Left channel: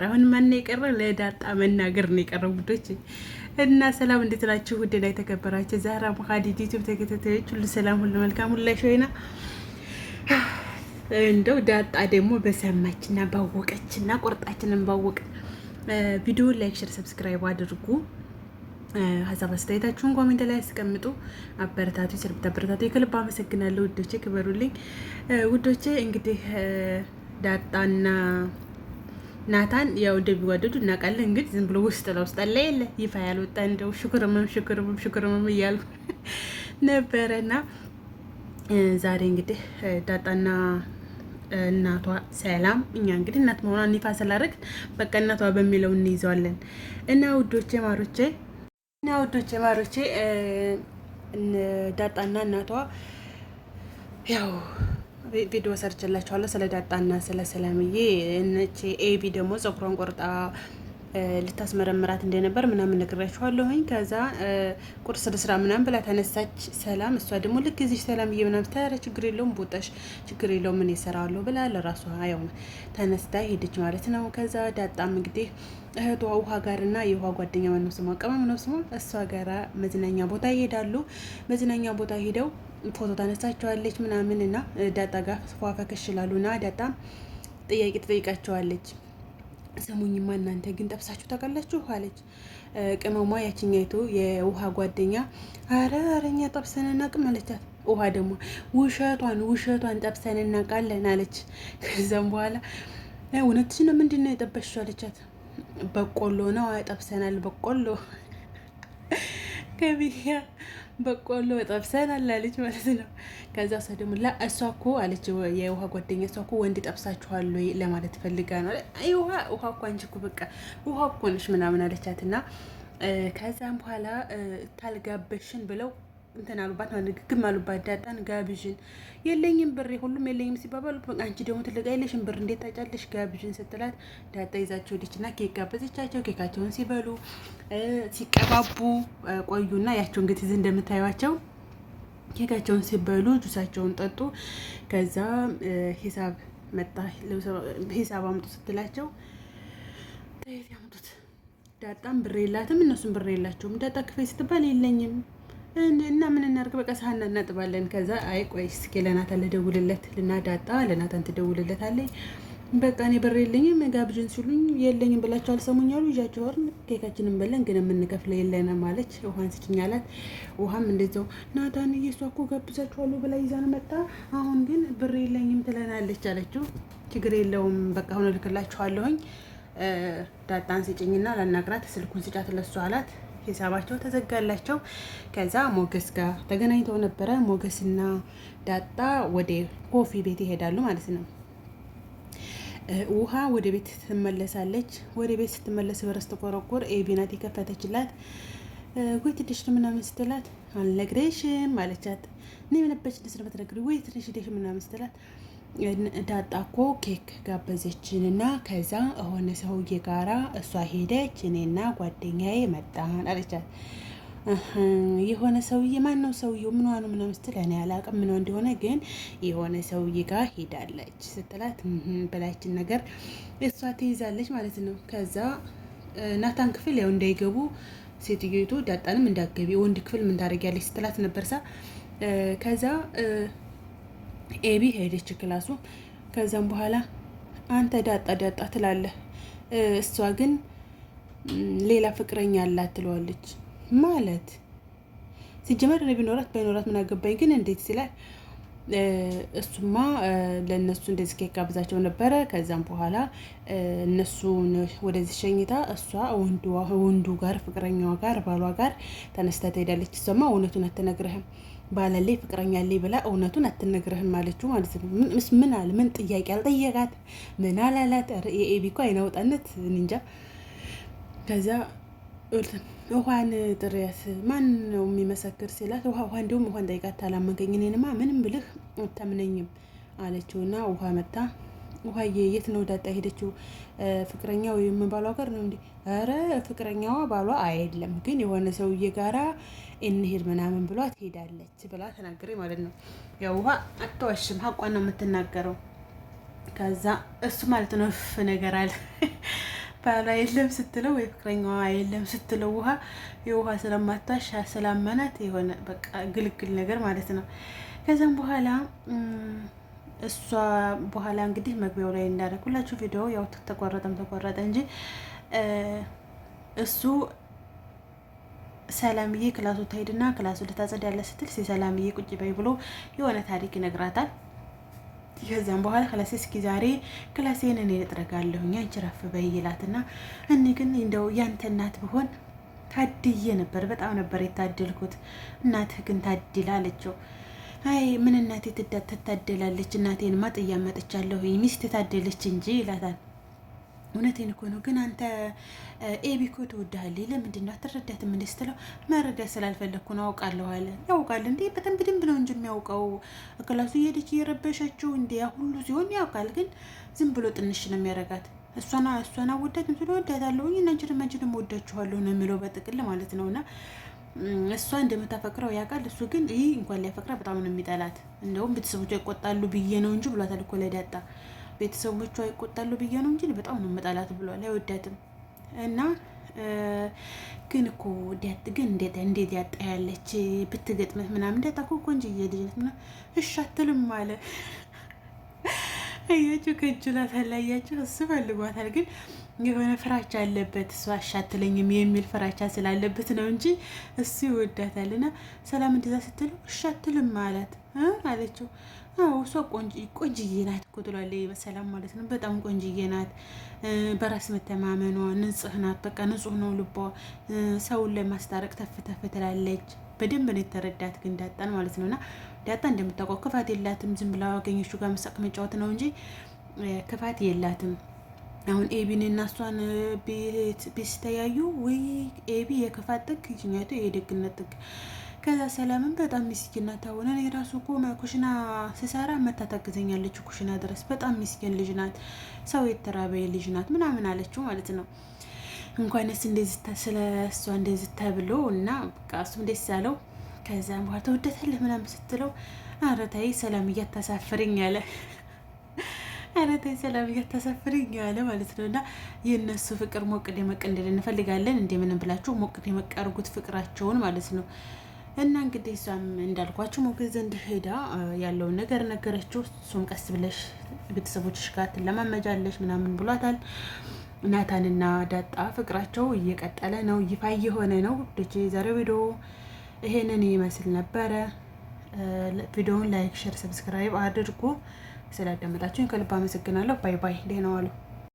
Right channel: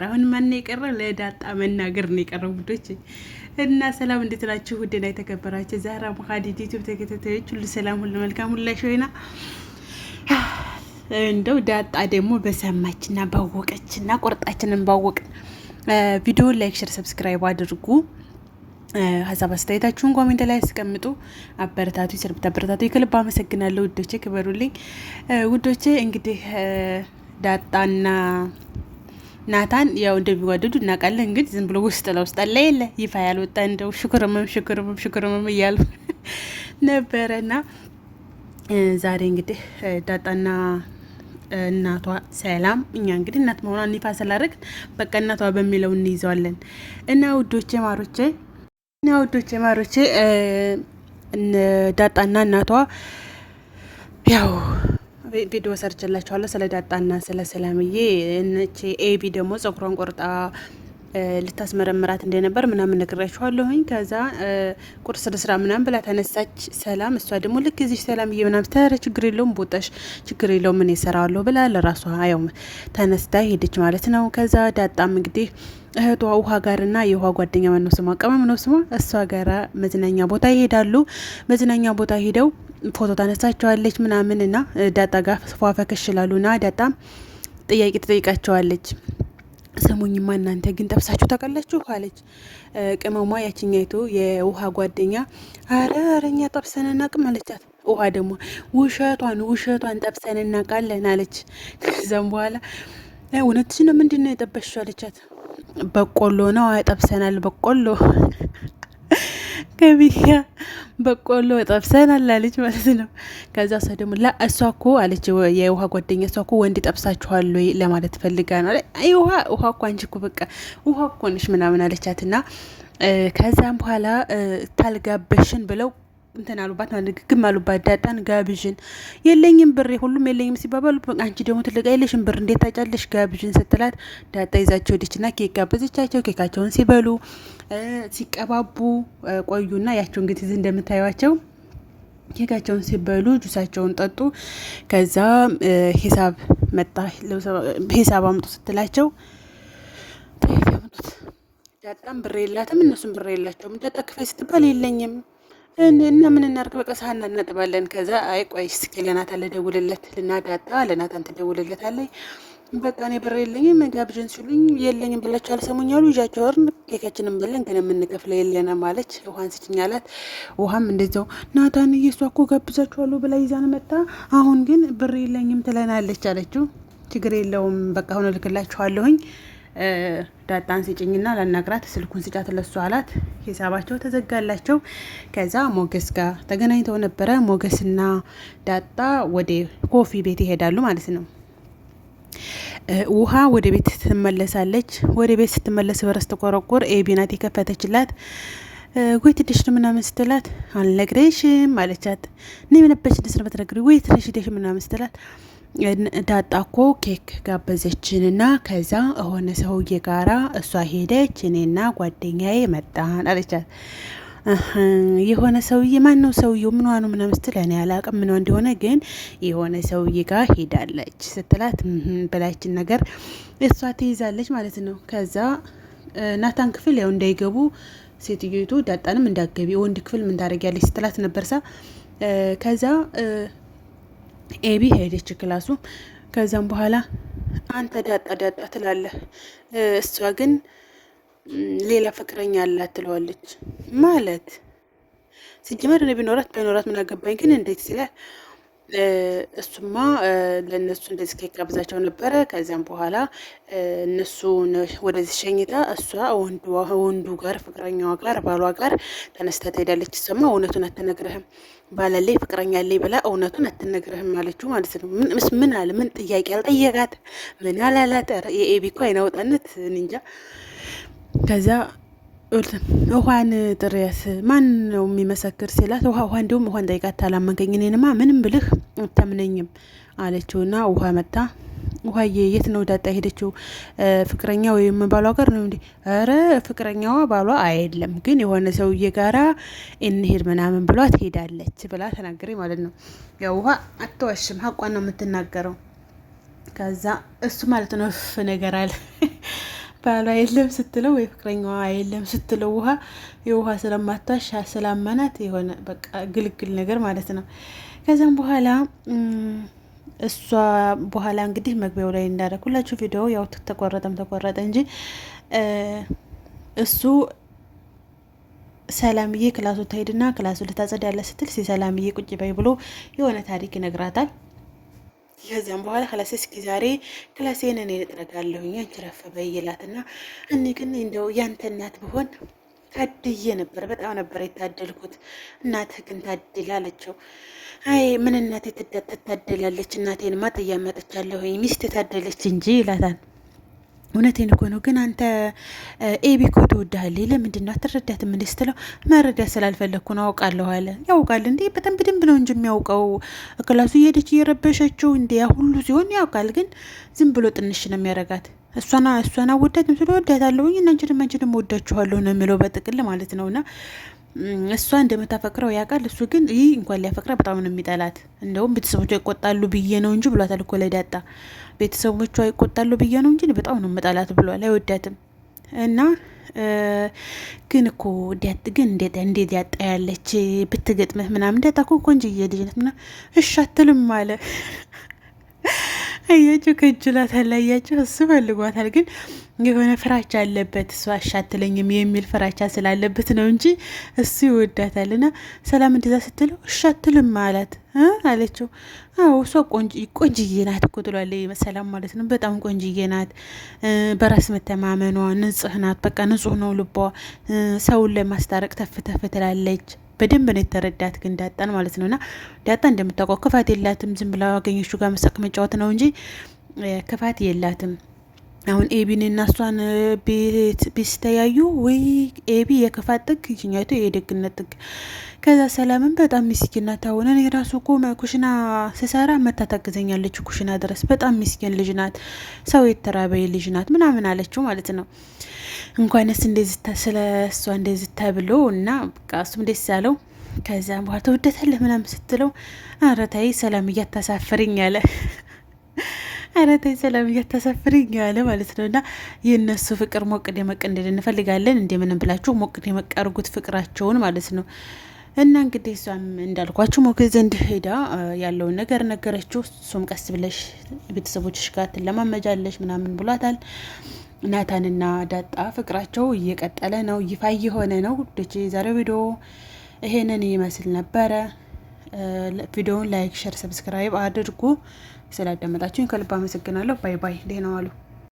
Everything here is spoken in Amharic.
አሁን ማን የቀረ ለዳጣ መናገር ነው የቀረው ጉዶች እና ሰላም እንዴት ናችሁ? ውድ ላይ ተከበራችሁ ዛራ ሙሐዲድ ዩቲዩብ ተከታታዮች ሁሉ ሰላም ሁሉ መልካም ሁሉ ላይሾይና እንደው ዳጣ ደግሞ በሰማችና ባወቀችና ቆርጣችንን ባወቅ ቪዲዮ ላይክ፣ ሼር፣ ሰብስክራይብ አድርጉ። ሀሳብ አስተያየታችሁን ኮሜንት ላይ አስቀምጡ። አበረታቱ ይሰርብታ አበረታቱ። ከልብ አመሰግናለሁ ውዶቼ፣ ክበሩልኝ ውዶቼ። እንግዲህ ዳጣና ናታን ያው እንደሚዋደዱ እናውቃለን። እንግዲህ ዝም ብሎ ውስጥ ለውስጥ አለ የለ ይፋ ያልወጣ እንደው ሽኩርምም እያሉ ነበረና ዛሬ እንግዲህ ዳጣና እናቷ ሰላም፣ እኛ እንግዲህ እናት መሆኗን ይፋ ስላደረግ በቃ እናቷ በሚለው እንይዘዋለን። እና ውዶቼ ማሮቼ ዳጣና እናቷ ያው ቪዲዮ ሰርችላችኋለሁ ስለ ዳጣና ስለ ሰላምዬ። እነቺ ኤቢ ደግሞ ጸጉሯን ቆርጣ ልታስመረምራት እንደነበር ምናምን ነግራችኋለሁኝ። ከዛ ቁርስ ልስራ ምናምን ብላ ተነሳች ሰላም። እሷ ደግሞ ልክ እዚህ ሰላምዬ ምናምን ተረ ችግር የለውም ቦታሽ ችግር የለውም ምን ይሰራዋለሁ ብላ ለራሷ ያው ተነስታ ሄደች ማለት ነው። ከዛ ዳጣም እንግዲህ እህቷ ውሃ ጋርና የውሃ ጓደኛ ማነው ስሟ ቀመም ነው ስሟ፣ እሷ ጋራ መዝናኛ ቦታ ይሄዳሉ። መዝናኛ ቦታ ሄደው ፎቶ ታነሳቸዋለች ምናምን እና ዳጣ ጋር ፏፈከሽ ይላሉና ዳጣም ጥያቄ ትጠይቃቸዋለች። ስሙኝማ እናንተ ግን ጠብሳችሁ ታውቃላችሁ አለች። ቅመሟ ያችኛይቱ የውሃ ጓደኛ አረ እኛ ጠብሰን እናቅም አለቻት። ውሃ ደግሞ ውሸቷን ጠብሰን እናቃለን አለች። ከዛም በኋላ እውነትሽ ነው ምንድን ነው የጠበሽው አለቻት። በቆሎ ነው ጠብሰናል በቆሎ ከቢያ በቆሎ ጠብሰናል አለች ማለት ነው። ከዛ እሷ ደግሞ እሷ እኮ አለች የውሃ ጓደኛ እሷ እኮ ወንድ ጠብሳችኋል ወይ ለማለት ፈልጋ ነው። ውሃ እኮ አንቺ እኮ በቃ ውሃ እኮ ነሽ ምናምን አለቻትና ከዛም በኋላ ታልጋበሽን ብለው እንትን አሉባት ግግም አሉባት። ዳጣን ጋብዥን የለኝም ብሬ ሁሉም የለኝም ሲባባሉ አንቺ ደግሞ ትልቅ አይለሽም ብር እንዴት ታጫለሽ ጋብዥን ስትላት ዳጣ ይዛቸው ሄደችና ኬክ ጋበዘቻቸው። ኬካቸውን ሲበሉ ሲቀባቡ ቆዩና ያቸው እንግዲህ እንደምታዩቸው ኬካቸውን ሲበሉ ጁሳቸውን ጠጡ። ከዛ ሂሳብ መጣ። ሂሳብ አምጡ ስትላቸው ዳጣም ብር የላትም እነሱም ብር የላቸውም። ዳጣ ክፈይ ስትባል የለኝም እና ምን እናርግ በቃ ሳህን እናጥባለን። ከዛ አይ ቆይ እስኪ ለናታን ልደውልለት ዳጣ ለናታን ትደውልለታለች። በቃ እኔ ብር የለኝም ጋብዥን ሲሉኝ የለኝም ብላችሁ አልሰሙኝ አሉ። ይዣቸው ወርን ኬካችንን በለን ግን የምንከፍለው የለንም አለች። ውሃን ስጭኝ አላት። ውሃም እንደዛው ናታን እየሷ እኮ ጋብዛችኋለሁ ብላ ይዛን መጣ፣ አሁን ግን ብር የለኝም ትለናለች አለችው። ችግር የለውም በቃ አሁን እልክላችኋለሁኝ ዳጣን ስጭኝና ላናግራት ስልኩን ስጫት ለሱ አላት። ሂሳባቸው ተዘጋላቸው። ከዛ ሞገስ ጋር ተገናኝተው ነበረ። ሞገስና ዳጣ ወደ ኮፊ ቤት ይሄዳሉ ማለት ነው። ውሃ ወደ ቤት ትመለሳለች። ወደ ቤት ስትመለስ በረስ ተቆረቆር ኤቢ ናት የከፈተችላት። ወይ ትንሽ ምናምን ስትላት አልነግረሽም አለቻት። እኔ የምነበች ደስነ በተነግሪ ወይ ትንሽ ደሽ ምናምን ስትላት ዳጣ እኮ ኬክ ጋበዘችንና ከዛ የሆነ ሰውዬ ጋራ እሷ ሄደች እኔና ጓደኛዬ መጣን አለቻት። የሆነ ሰውዬ ማን ነው ሰውዬው ምን ነው ምናምን ስትል እኔ አላውቅም ምን እንደሆነ ግን የሆነ ሰውዬ ጋር ሄዳለች ስትላት በላችን ነገር እሷ ትይዛለች ማለት ነው። ከዛ ናታን ክፍል ያው እንዳይገቡ ሴትዮቱ ዳጣንም እንዳገቢ ወንድ ክፍል ምን ታደርጊያለች ስትላት ነበርሳ። ከዛ ኤቢ ሄደች ክላሱ። ከዛም በኋላ አንተ ዳጣ ትላለህ፣ እሷ ግን ሌላ ፍቅረኛ አላት ትለዋለች። ማለት ሲጀመር እኔ ቢኖራት ምን አገባኝ ግን እንዴት ሲላል እሱማ ለእነሱ እንደዚህ ኬክ ጋብዛቸው ነበረ። ከዚያም በኋላ እነሱ ወደዚህ ሸኝታ እሷ ወንዱ ጋር ፍቅረኛዋ ጋር ባሏ ጋር ተነስታ ትሄዳለች። እሷማ እውነቱን አትነግርህም ባላለይ ፍቅረኛ አለኝ ብላ እውነቱን አትነግርህም አለችው ማለት ነው። ምን አለ ምን ጥያቄ አልጠየቃት ምን አላላት። የኤቢ እኮ አይናወጣነት እንጃ። ከዛ ውሃን ጥሪያት ማን ነው የሚመሰክር ሲላት ውሃ እንዲሁም ውሃን ጠይቃት ታላመንከኝ እኔንማ ምንም ብልህ አታምነኝም አለችውና ውሃ መጣ። ውሃዬ የት ነው ዳጣ ሄደችው? ፍቅረኛ ወይም ባሏ ጋር ነው እንዴ? አረ ፍቅረኛዋ ባሏ አይደለም ግን የሆነ ሰውዬ ጋራ እንሄድ ምናምን ብሏት ሄዳለች ብላ ተናገረኝ ማለት ነው። ያው ውሃ አትዋሽም ሀቋን ነው የምትናገረው። ከዛ እሱ ማለት ነው ነገር አለ ባሏ የለም ስትለው ወይ ፍቅረኛዋ የለም ስትለው የውሃ ስለማታሽ ስላመናት የሆነ በቃ ግልግል ነገር ማለት ነው። ከዛም በኋላ እሷ በኋላ እንግዲህ መግቢያው ላይ እንዳደረኩላችሁ ቪዲዮ ያው ተቆረጠ እንጂ እሱ ሰላምዬ ክላሱ ትሄድና ክላሱ ልታጸዳ ያለ ስትል ሰላምዬ ቁጭ በይ ብሎ የሆነ ታሪክ ይነግራታል። ከዚያም በኋላ ክላሴ እስኪ ዛሬ ክላሴን እኔ ልጥረጋለሁኝ አንቺ ረፍ በይ ይላትና እኔ ግን እንደው ያንተ እናት ብሆን ታድዬ ነበር፣ በጣም ነበር የታደልኩት። እናትህ ግን ታድላ አለችው። አይ ምን እናቴ ትታደላለች? እናቴንማ ጥያ መጥቻለሁኝ ሚስት ታደለች እንጂ ይላታል። እውነቴን እኮ ነው። ግን አንተ ኤቢ እኮ ትወድሃለች። ለምንድን ነው አትረዳትም? እንዴ ስትለው መረዳት ስላልፈለግኩ ነው አውቃለሁ አለ። ያውቃል እንዴ በጣም በደንብ ነው እንጂ የሚያውቀው። ክላሱ እየሄደች እየረበሸችው እንዴ ያ ሁሉ ሲሆን ያውቃል። ግን ዝም ብሎ ጥንሽ ነው የሚያረጋት። እሷን አወዳትም ስለ ወዳታለሁ አንቺንም ወዳችኋለሁ ነው የሚለው በጥቅል ማለት ነውና እሷ እንደምታፈቅረው ያውቃል። እሱ ግን ይህ እንኳን ሊያፈቅረ በጣም ነው የሚጠላት። እንደውም ቤተሰቦቿ ይቆጣሉ ብዬ ነው እንጂ ብሏታል እኮ ለዳጣ። ቤተሰቦቿ ይቆጣሉ ብዬ ነው እንጂ በጣም ነው የምጠላት ብሏል። አይወዳትም እና ግን እኮ ግን እንዴት ያጣ ያለች ብትገጥምህ ምናምን ዳጣ እኮ ቆንጆዬ ልጅ ናት ምናምን እሺ አትልም አለ። አያችሁ ከእጅላታል። አያችሁ እሱ ፈልጓታል፣ ግን የሆነ ፍራቻ አለበት። እሷ አሻትለኝም የሚል ፍራቻ ስላለበት ነው እንጂ እሱ ይወዳታል። እና ሰላም እንደዛ ስትለው እሻትልም አላት አለችው። አዎ እሷ ቆንጅዬ ናት እኮ ትሏለች ሰላም ማለት ነው። በጣም ቆንጅዬ ናት፣ በራስ መተማመኗ ንጽህ ናት። በቃ ንጹህ ነው ልቧ፣ ሰውን ለማስታረቅ ተፍ ተፍ ትላለች። በደንብ ነው የተረዳት ግን ዳጣን ማለት ነውና ዳጣ እንደምታውቀው ክፋት የላትም። ዝም ብላ አገኘችው ጋር መሳቅ መጫወት ነው እንጂ ክፋት የላትም። አሁን ኤቢን እና እሷን ቢስተያዩ ወይ ኤቢ የክፋት ጥግ፣ ይችኛቱ የደግነት ጥግ። ከዛ ሰላምን በጣም ሚስኪን ናት። አሁን እኔ ራሱ እኮ ኩሽና ስሰራ መታ ታግዘኛለች ኩሽና ድረስ። በጣም ሚስኪን ልጅ ናት፣ ሰው የተራበይ ልጅ ናት ምናምን አለችው ማለት ነው። እንኳንስ እንደዚህ ስለ እሷ እንደዚህ ተብሎ እና በቃ እሱም ደስ ያለው። ከዛ በኋላ ተወደታለህ ምናምን ስትለው ኧረ ተይ ሰላም እያታሳፍርኝ አለ። ኧረ ተይ ሰላም እያታሳፍርኝ አለ ማለት ነው። እና የእነሱ ፍቅር ሞቅ ደመቅ እንድል እንፈልጋለን። እንደምንም ብላችሁ ሞቅ ደመቅ አድርጉት ፍቅራቸውን ማለት ነው። እና እንግዲህ እሷም እንዳልኳችሁ ሞገዝ ዘንድ ሄዳ ያለውን ነገር ነገረችው። እሱም ቀስ ብለሽ ቤተሰቦችሽ ጋር ትለማመጃለሽ ምናምን ብሏታል። ናታንና ዳጣ ፍቅራቸው እየቀጠለ ነው፣ ይፋ እየሆነ ነው። ዶቼ ዛሬው ቪዲዮ ይሄንን ይመስል ነበረ። ቪዲዮውን ላይክ፣ ሼር፣ ሰብስክራይብ አድርጉ። ስላዳመጣችሁኝ ከልብ አመሰግናለሁ። ባይ ባይ። ደህና ዋሉ።